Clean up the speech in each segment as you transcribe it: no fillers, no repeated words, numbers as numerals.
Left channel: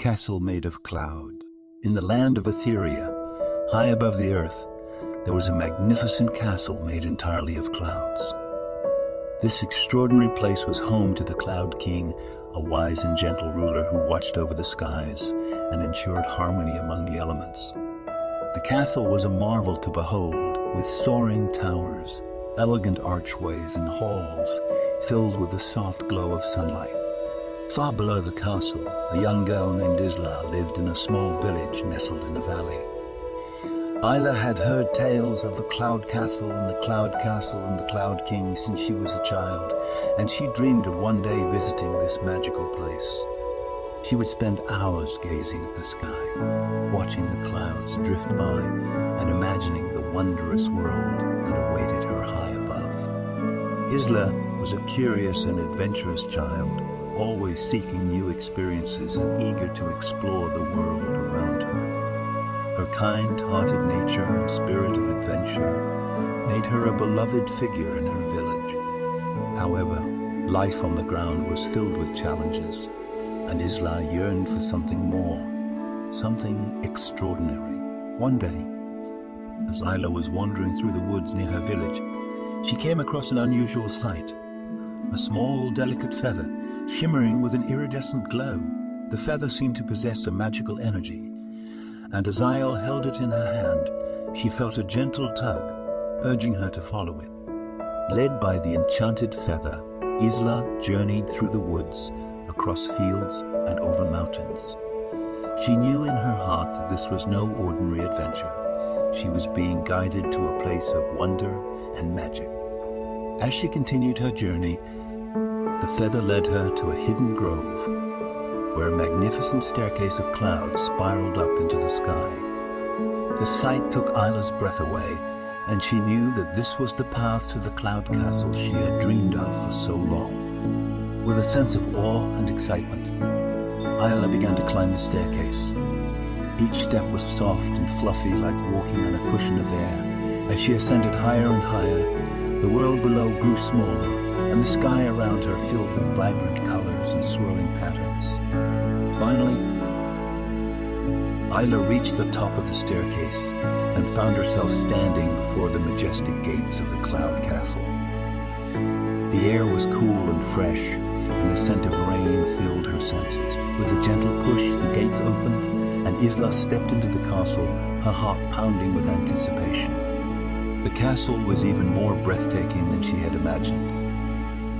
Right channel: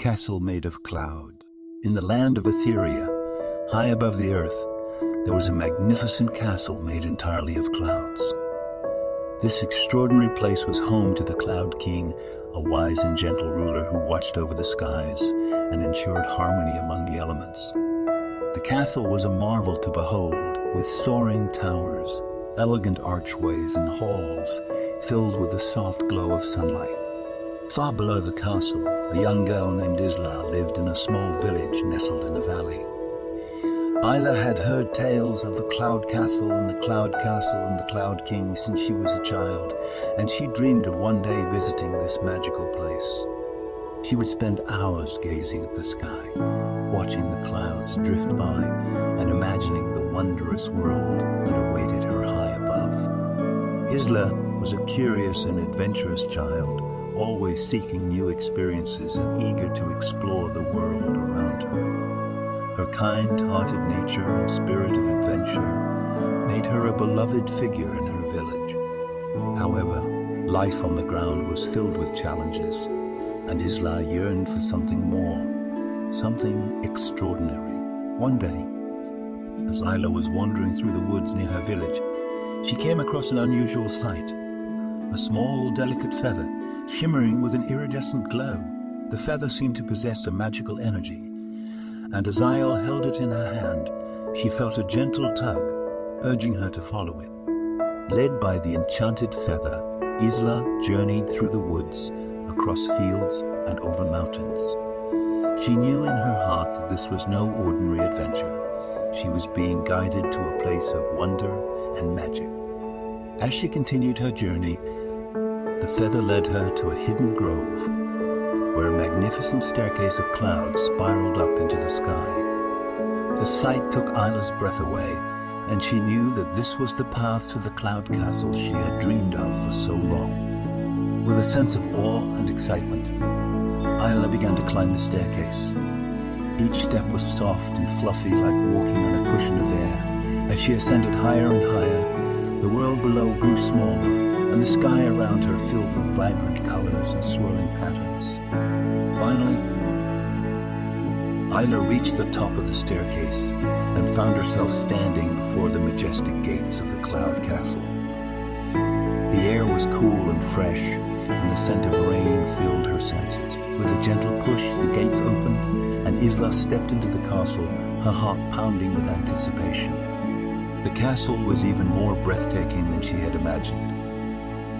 castle made of clouds. In the land of Etheria, high above the earth, there was a magnificent castle made entirely of clouds. This extraordinary place was home to the Cloud King, a wise and gentle ruler who watched over the skies and ensured harmony among the elements. The castle was a marvel to behold, with soaring towers, elegant archways, and halls filled with the soft glow of sunlight. Far below the castle, a young girl named Isla lived in a small village nestled in a valley. Isla had heard tales of the Cloud Castle and the Cloud Castle and the Cloud King since she was a child, and she dreamed of one day visiting this magical place. She would spend hours gazing at the sky, watching the clouds drift by and imagining the wondrous world that awaited her high above. Isla was a curious and adventurous child, always seeking new experiences and eager to explore the world around her. Her kind-hearted nature and spirit of adventure made her a beloved figure in her village. However, life on the ground was filled with challenges, and Isla yearned for something more, something extraordinary. One day, as Isla was wandering through the woods near her village, she came across an unusual sight. A small, delicate feather, shimmering with an iridescent glow. The feather seemed to possess a magical energy, and as Isla held it in her hand, she felt a gentle tug, urging her to follow it. Led by the enchanted feather, Isla journeyed through the woods, across fields and over mountains. She knew in her heart that this was no ordinary adventure. She was being guided to a place of wonder and magic. As she continued her journey, the feather led her to a hidden grove, where a magnificent staircase of clouds spiraled up into the sky. The sight took Isla's breath away, and she knew that this was the path to the Cloud Castle she had dreamed of for so long. With a sense of awe and excitement, Isla began to climb the staircase. Each step was soft and fluffy, like walking on a cushion of air. As she ascended higher and higher, the world below grew smaller, and the sky around her filled with vibrant colors and swirling patterns. Finally, Isla reached the top of the staircase and found herself standing before the majestic gates of the Cloud Castle. The air was cool and fresh, and the scent of rain filled her senses. With a gentle push, the gates opened, and Isla stepped into the castle, her heart pounding with anticipation. The castle was even more breathtaking than she had imagined.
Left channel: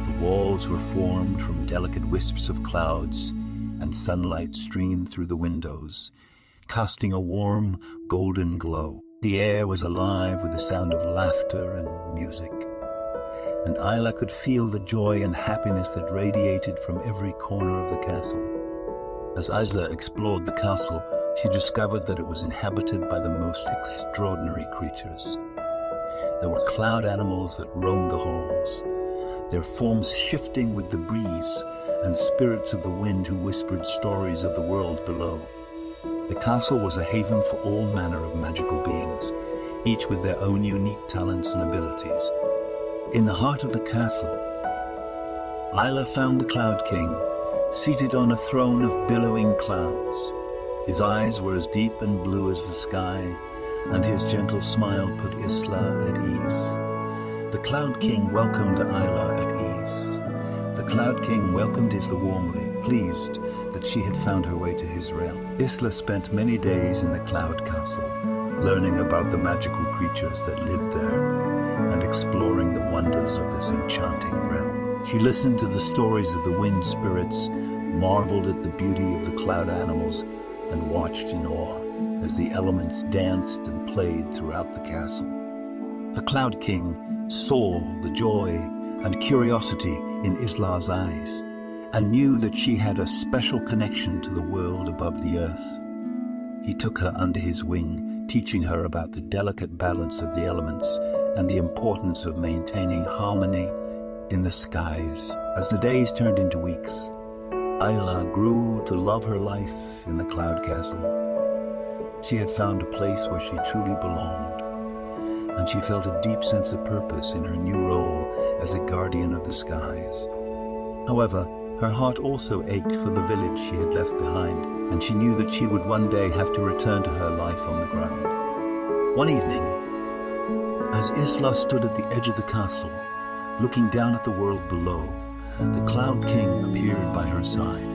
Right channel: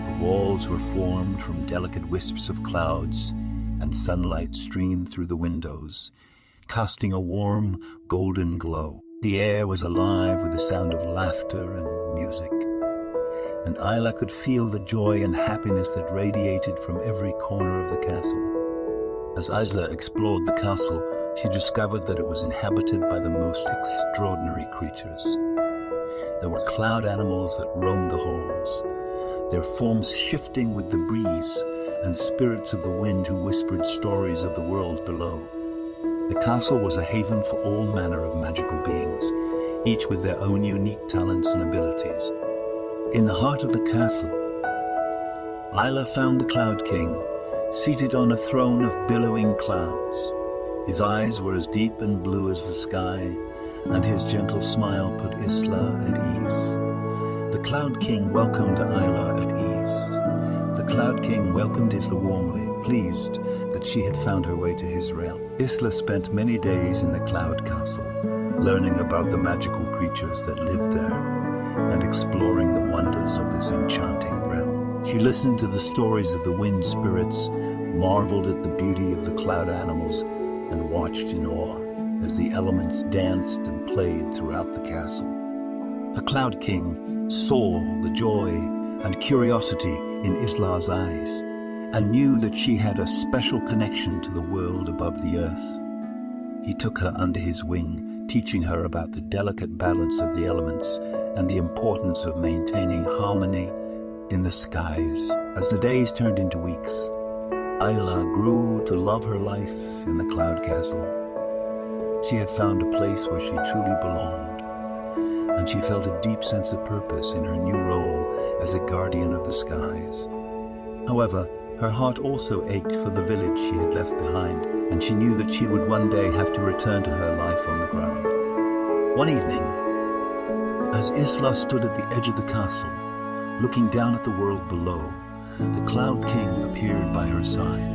The walls were formed from delicate wisps of clouds, and sunlight streamed through the windows, casting a warm, golden glow. The air was alive with the sound of laughter and music, and Isla could feel the joy and happiness that radiated from every corner of the castle. As Isla explored the castle, she discovered that it was inhabited by the most extraordinary creatures. There were cloud animals that roamed the halls, their forms shifting with the breeze, and spirits of the wind who whispered stories of the world below. The castle was a haven for all manner of magical beings, each with their own unique talents and abilities. In the heart of the castle, Isla found the Cloud King, seated on a throne of billowing clouds. His eyes were as deep and blue as the sky, and his gentle smile put Isla at ease. The Cloud King welcomed Isla at ease. The Cloud King welcomed Isla warmly, pleased that she had found her way to his realm. Isla spent many days in the Cloud Castle, learning about the magical creatures that lived there and exploring the wonders of this enchanting realm. She listened to the stories of the wind spirits, marveled at the beauty of the cloud animals, and watched in awe as the elements danced and played throughout the castle. The Cloud King saw the joy and curiosity in Isla's eyes and knew that she had a special connection to the world above the earth. He took her under his wing, teaching her about the delicate balance of the elements and the importance of maintaining harmony in the skies. As the days turned into weeks, Isla grew to love her life in the Cloud Castle. She had found a place where she truly belonged, and she felt a deep sense of purpose in her new role as a guardian of the skies. However, her heart also ached for the village she had left behind. and she knew that she would one day have to return to her life on the ground. One evening, as Isla stood at the edge of the castle, looking down at the world below, the Cloud King appeared by her side.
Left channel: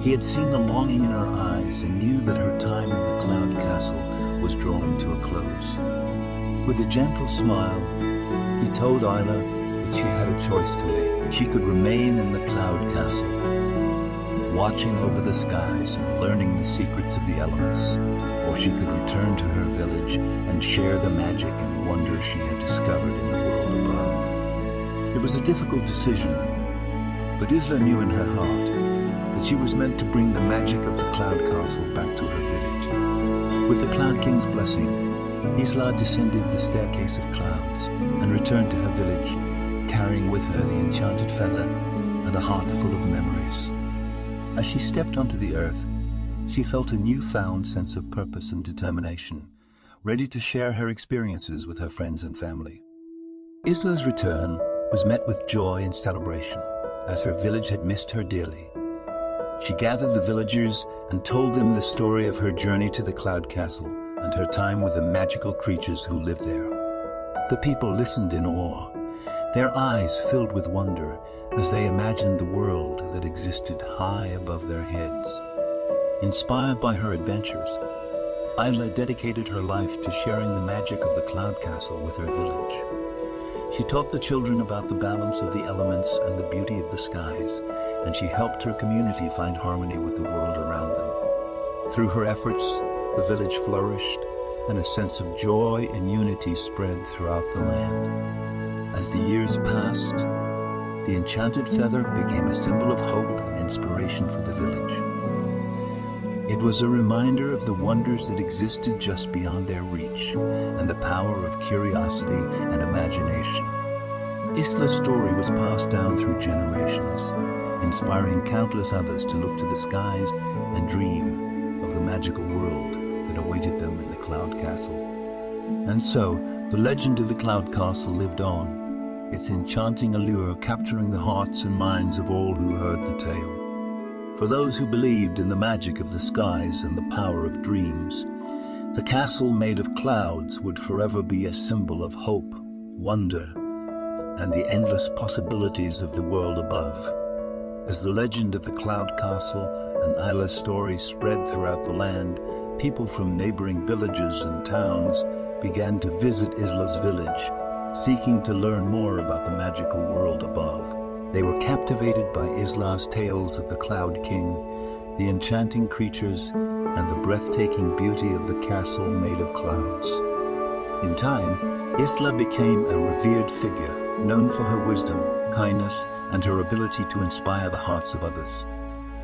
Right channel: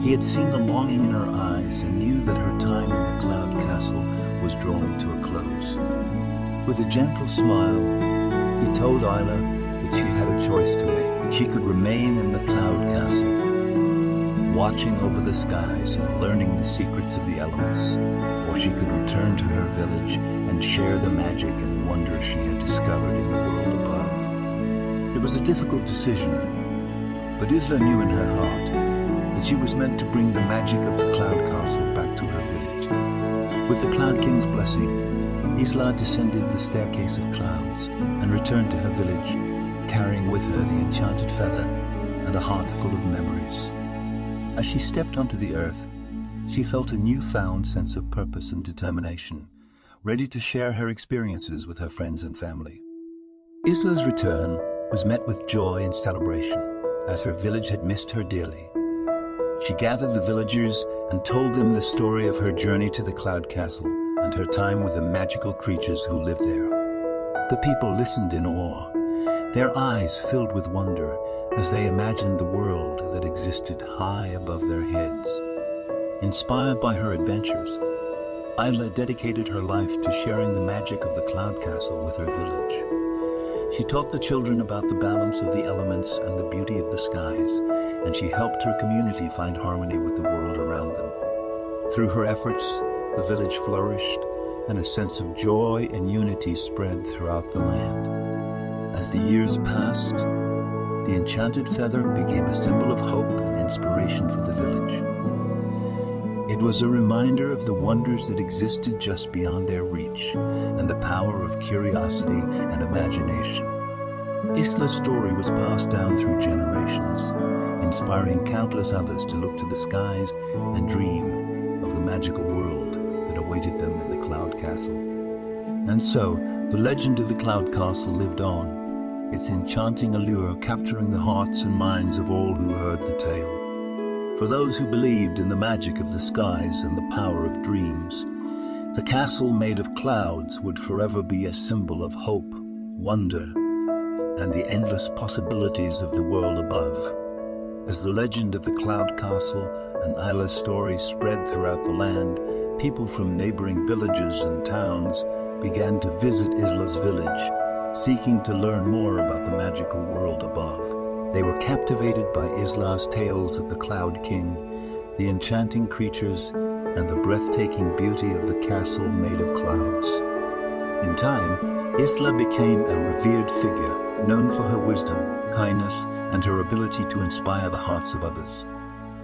He had seen the longing in her eyes and knew that her time in the Cloud Castle was drawing to a close. With a gentle smile, he told Isla that she had a choice to make. She could remain in the Cloud Castle, watching over the skies and learning the secrets of the elements, or she could return to her village and share the magic and wonder she had discovered in the world above. It was a difficult decision, but Isla knew in her heart that she was meant to bring the magic of the Cloud Castle back to her village. With the Cloud King's blessing, Isla descended the staircase of clouds and returned to her village, carrying with her the enchanted feather and a heart full of memories. As she stepped onto the earth, she felt a newfound sense of purpose and determination, ready to share her experiences with her friends and family. Isla's return was met with joy and celebration, as her village had missed her dearly. She gathered the villagers and told them the story of her journey to the Cloud Castle and her time with the magical creatures who lived there. The people listened in awe, their eyes filled with wonder as they imagined the world that existed high above their heads. Inspired by her adventures, Isla dedicated her life to sharing the magic of the Cloud Castle with her village. She taught the children about the balance of the elements and the beauty of the skies, and she helped her community find harmony with the world around them. Through her efforts, the village flourished, and a sense of joy and unity spread throughout the land. As the years passed, the enchanted feather became a symbol of hope and inspiration for the village. It was a reminder of the wonders that existed just beyond their reach and the power of curiosity and imagination. Isla's story was passed down through generations, inspiring countless others to look to the skies and dream of the magical world that awaited them in the Cloud Castle. And so, the legend of the Cloud Castle lived on, its enchanting allure capturing the hearts and minds of all who heard the tale. For those who believed in the magic of the skies and the power of dreams, the castle made of clouds would forever be a symbol of hope, wonder, and the endless possibilities of the world above. As the legend of the Cloud Castle and Isla's story spread throughout the land, people from neighboring villages and towns began to visit Isla's village, seeking to learn more about the magical world above. They were captivated by Isla's tales of the Cloud King, the enchanting creatures, and the breathtaking beauty of the castle made of clouds. In time, Isla became a revered figure, known for her wisdom, kindness, and her ability to inspire the hearts of others.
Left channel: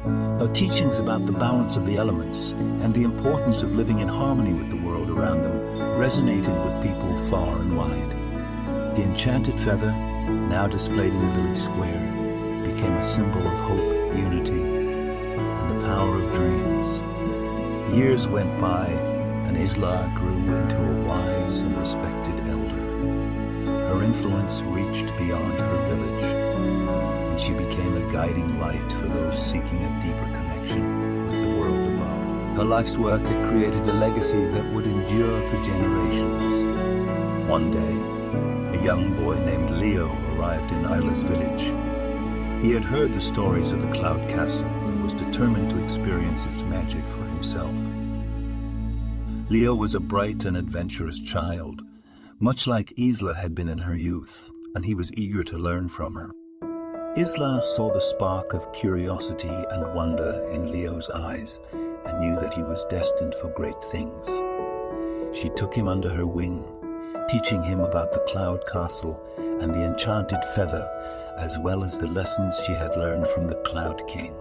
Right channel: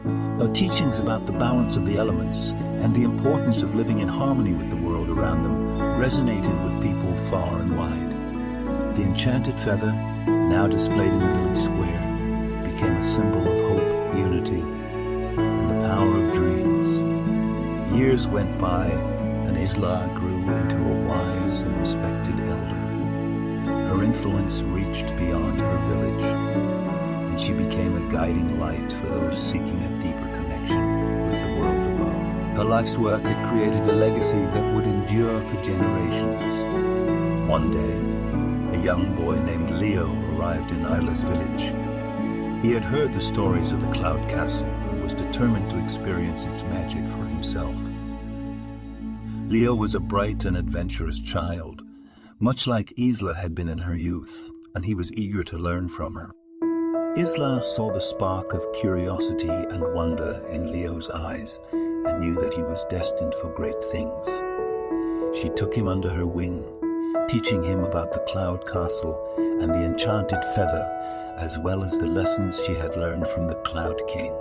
Her teachings about the balance of the elements and the importance of living in harmony with the world around them resonated with people far and wide. The enchanted feather, now displayed in the village square, became a symbol of hope, unity, and the power of dreams. Years went by, and Isla grew into a wise and respected elder. Her influence reached beyond her village, and she became a guiding light for those seeking a deeper connection with the world above. Her life's work had created a legacy that would endure for generations. One day, a young boy named Leo arrived in Isla's village. He had heard the stories of the Cloud Castle and was determined to experience its magic for himself. Leo was a bright and adventurous child, much like Isla had been in her youth, and he was eager to learn from her. Isla saw the spark of curiosity and wonder in Leo's eyes and knew that he was destined for great things. She took him under her wing, teaching him about the Cloud Castle and the enchanted feather, as well as the lessons she had learned from the Cloud King.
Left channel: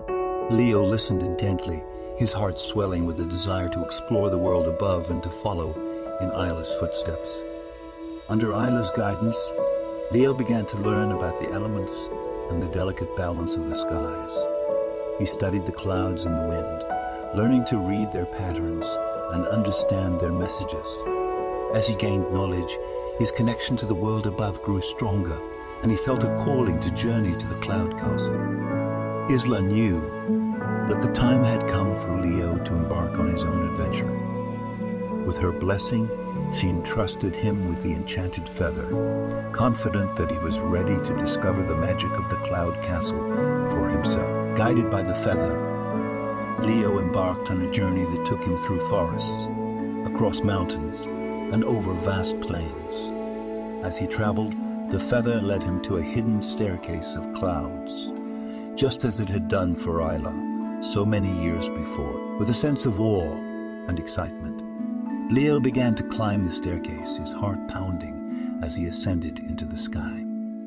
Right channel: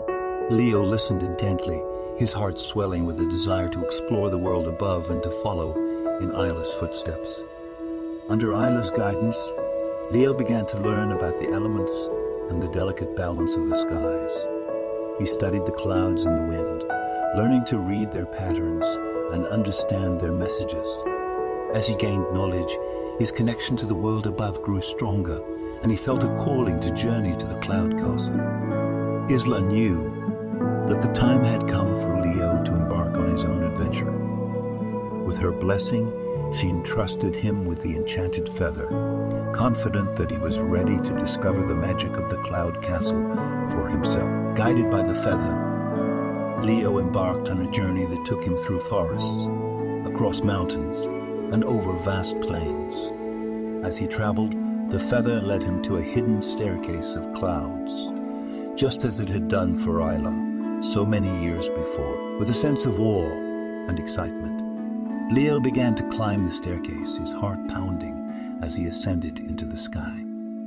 Leo listened intently, his heart swelling with the desire to explore the world above and to follow in Isla's footsteps. Under Isla's guidance, Leo began to learn about the elements and the delicate balance of the skies. He studied the clouds and the wind, learning to read their patterns and understand their messages. As he gained knowledge, his connection to the world above grew stronger, and he felt a calling to journey to the Cloud Castle. Isla knew But the time had come for Leo to embark on his own adventure. With her blessing, she entrusted him with the enchanted feather, confident that he was ready to discover the magic of the cloud castle for himself. Guided by the feather, Leo embarked on a journey that took him through forests, across mountains, and over vast plains. As he traveled, the feather led him to a hidden staircase of clouds, just as it had done for Isla so many years before. With a sense of awe and excitement, Leo began to climb the staircase, his heart pounding as he ascended into the sky.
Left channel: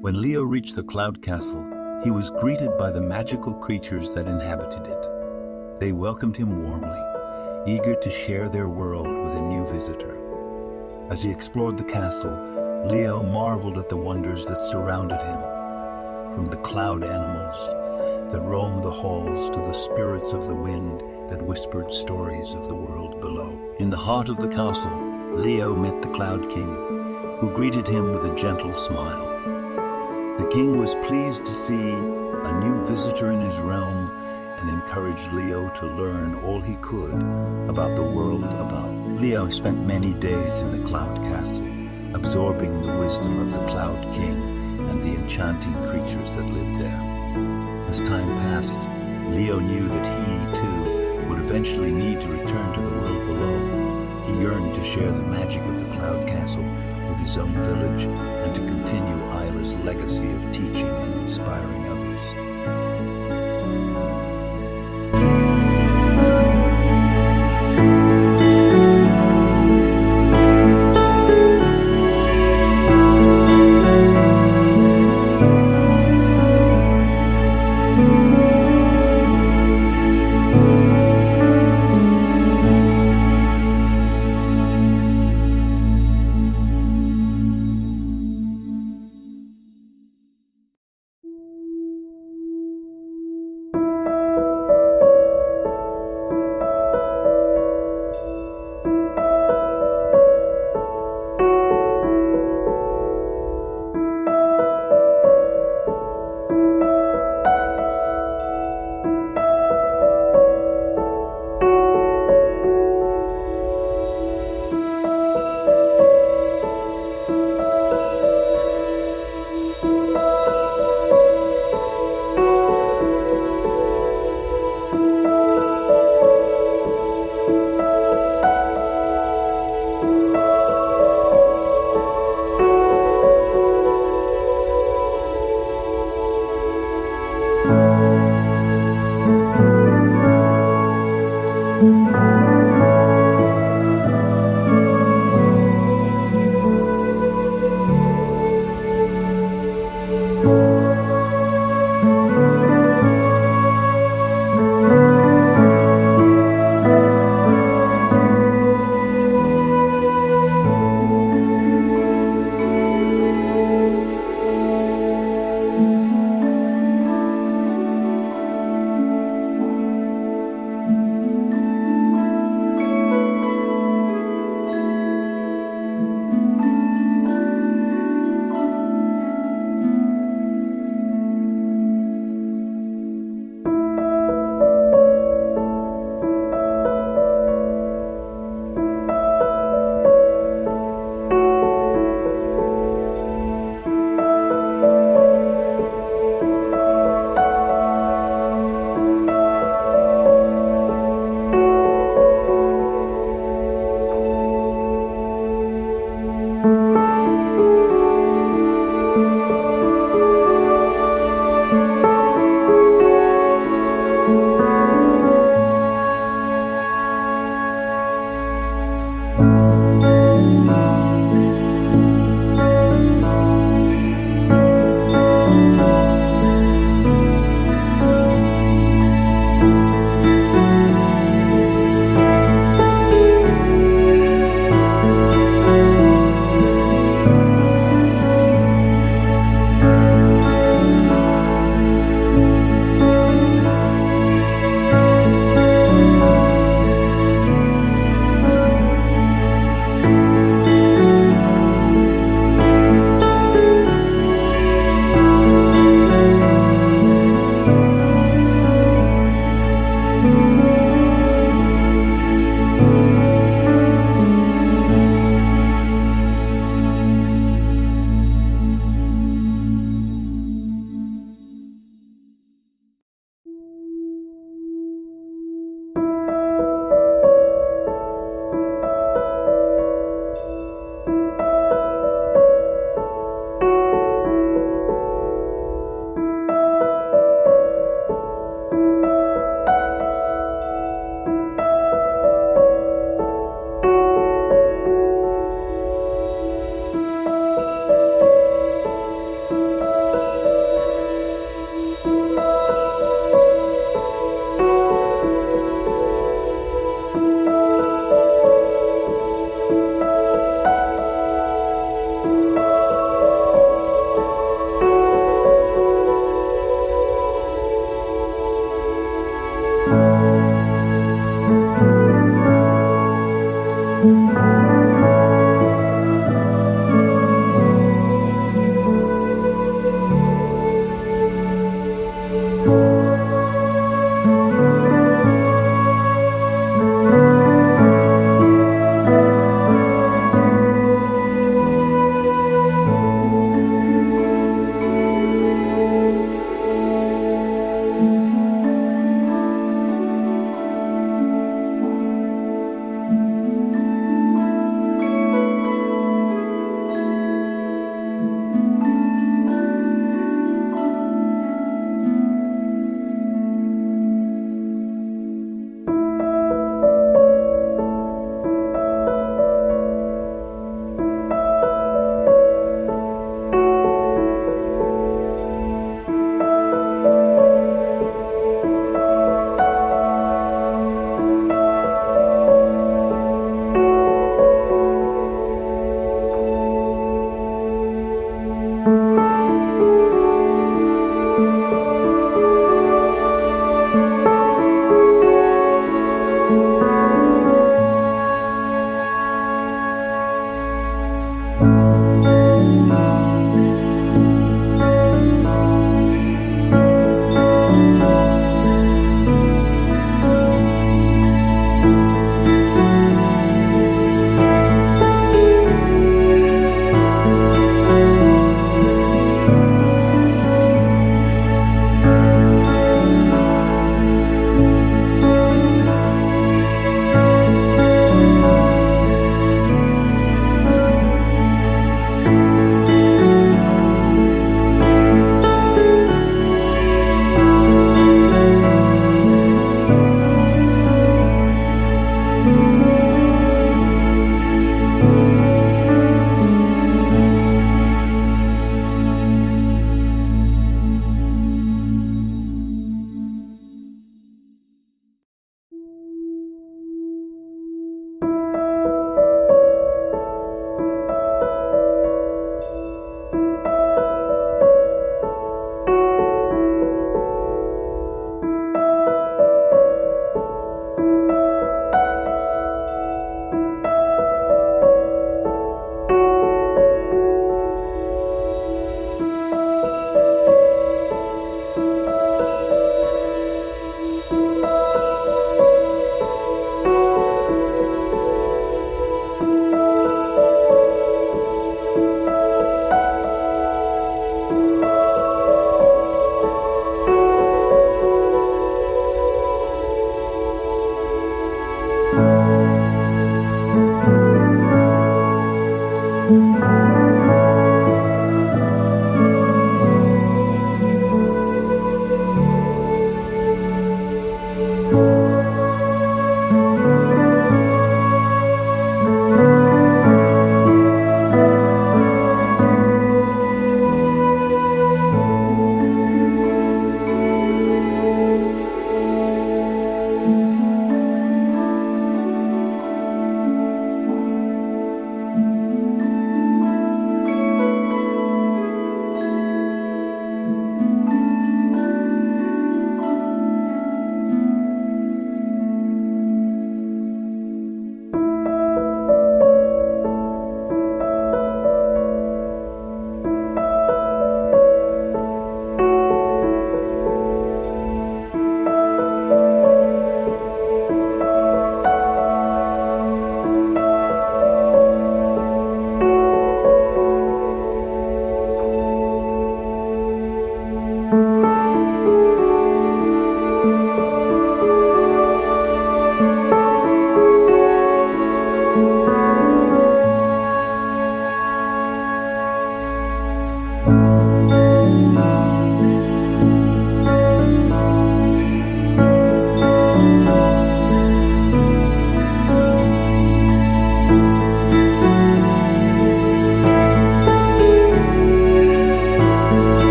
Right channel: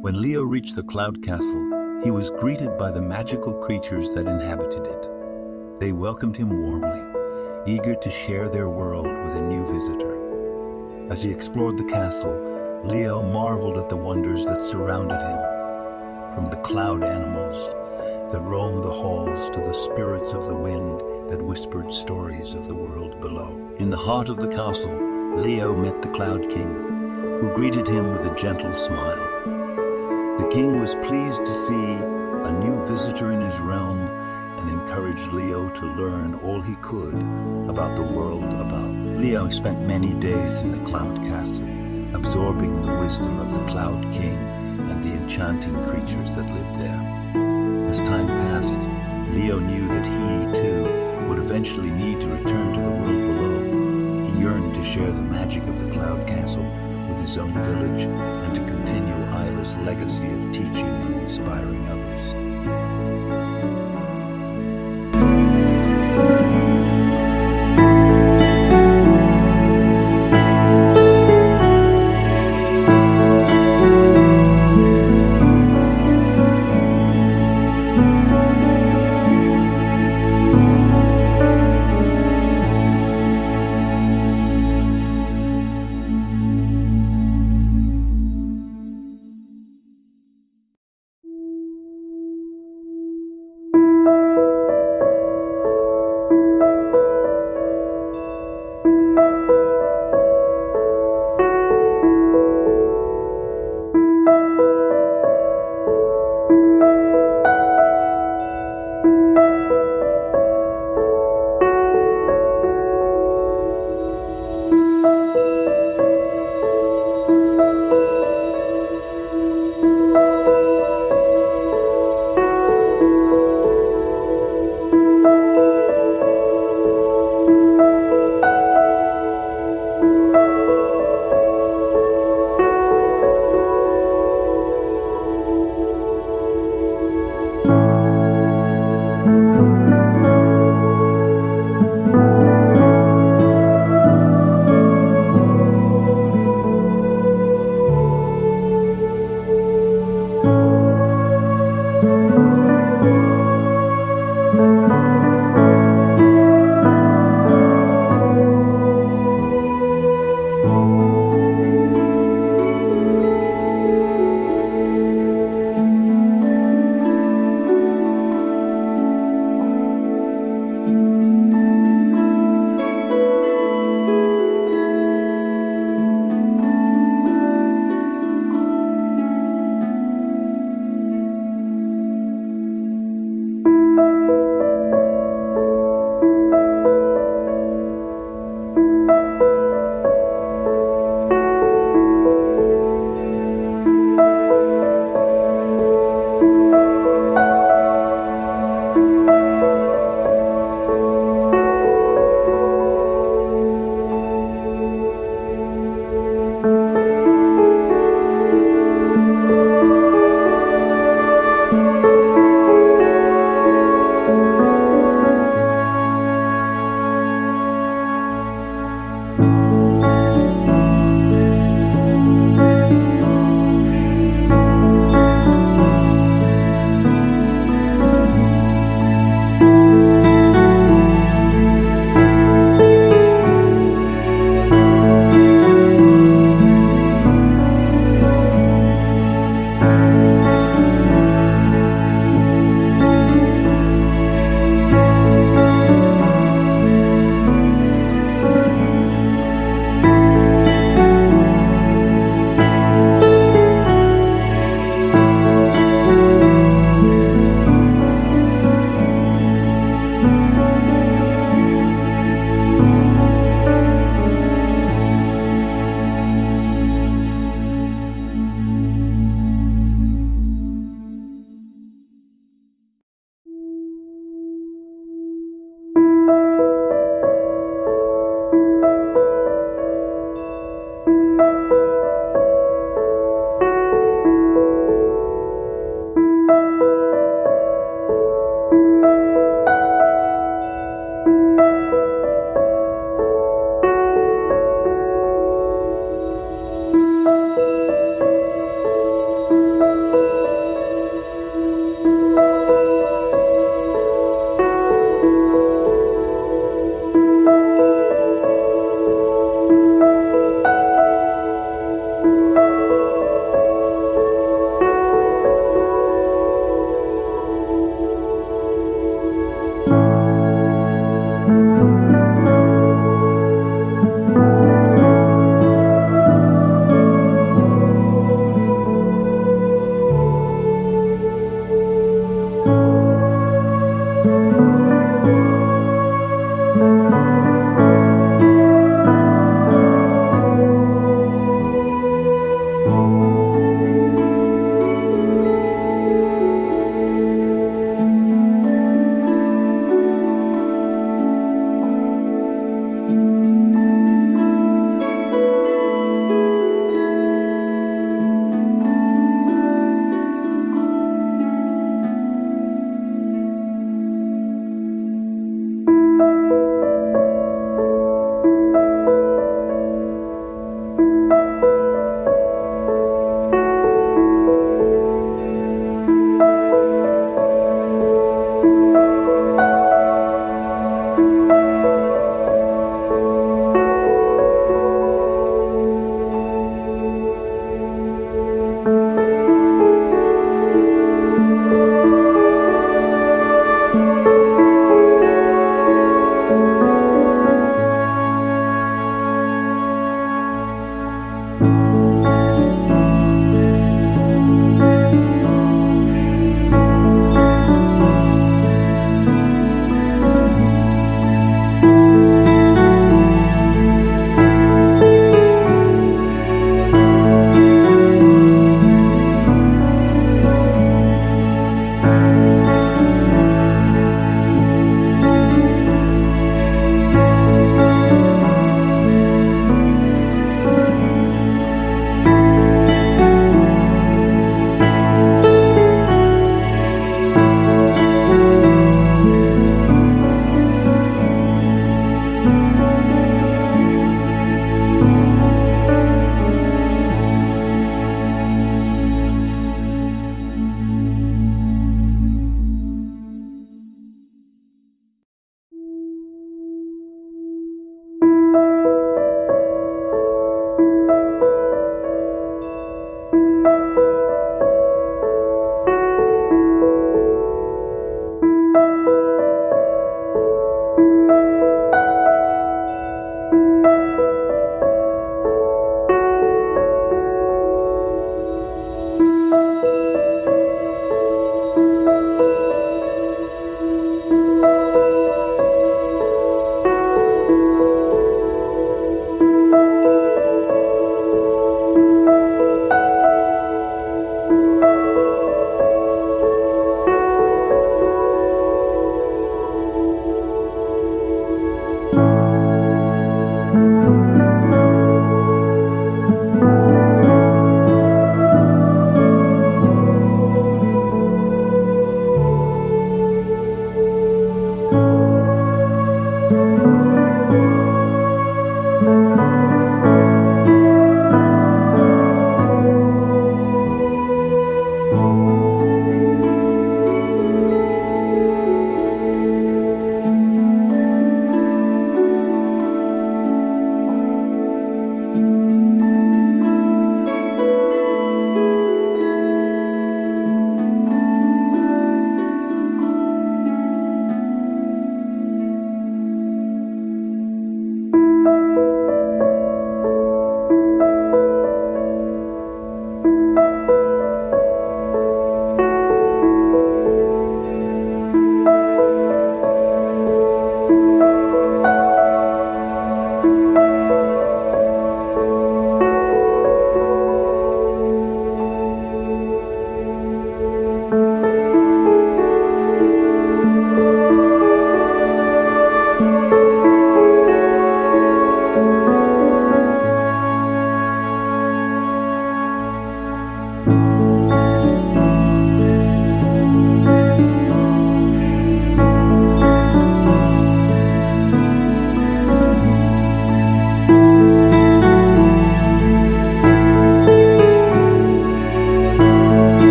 When Leo reached the cloud castle, he was greeted by the magical creatures that inhabited it. They welcomed him warmly, eager to share their world with a new visitor. As he explored the castle, Leo marveled at the wonders that surrounded him, from the cloud animals that roamed the halls to the spirits of the wind that whispered stories of the world below. In the heart of the castle, Leo met the Cloud King, who greeted him with a gentle smile. The king was pleased to see a new visitor in his realm and encouraged Leo to learn all he could about the world about. Leo spent many days in the Cloud Castle, absorbing the wisdom of the Cloud King and the enchanting creatures that lived there. As time passed, Leo knew that he, too, would eventually need to return to the world below. He yearned to share the magic of the Cloud Castle with his own village and to continue Isla's legacy of teaching and inspiring others.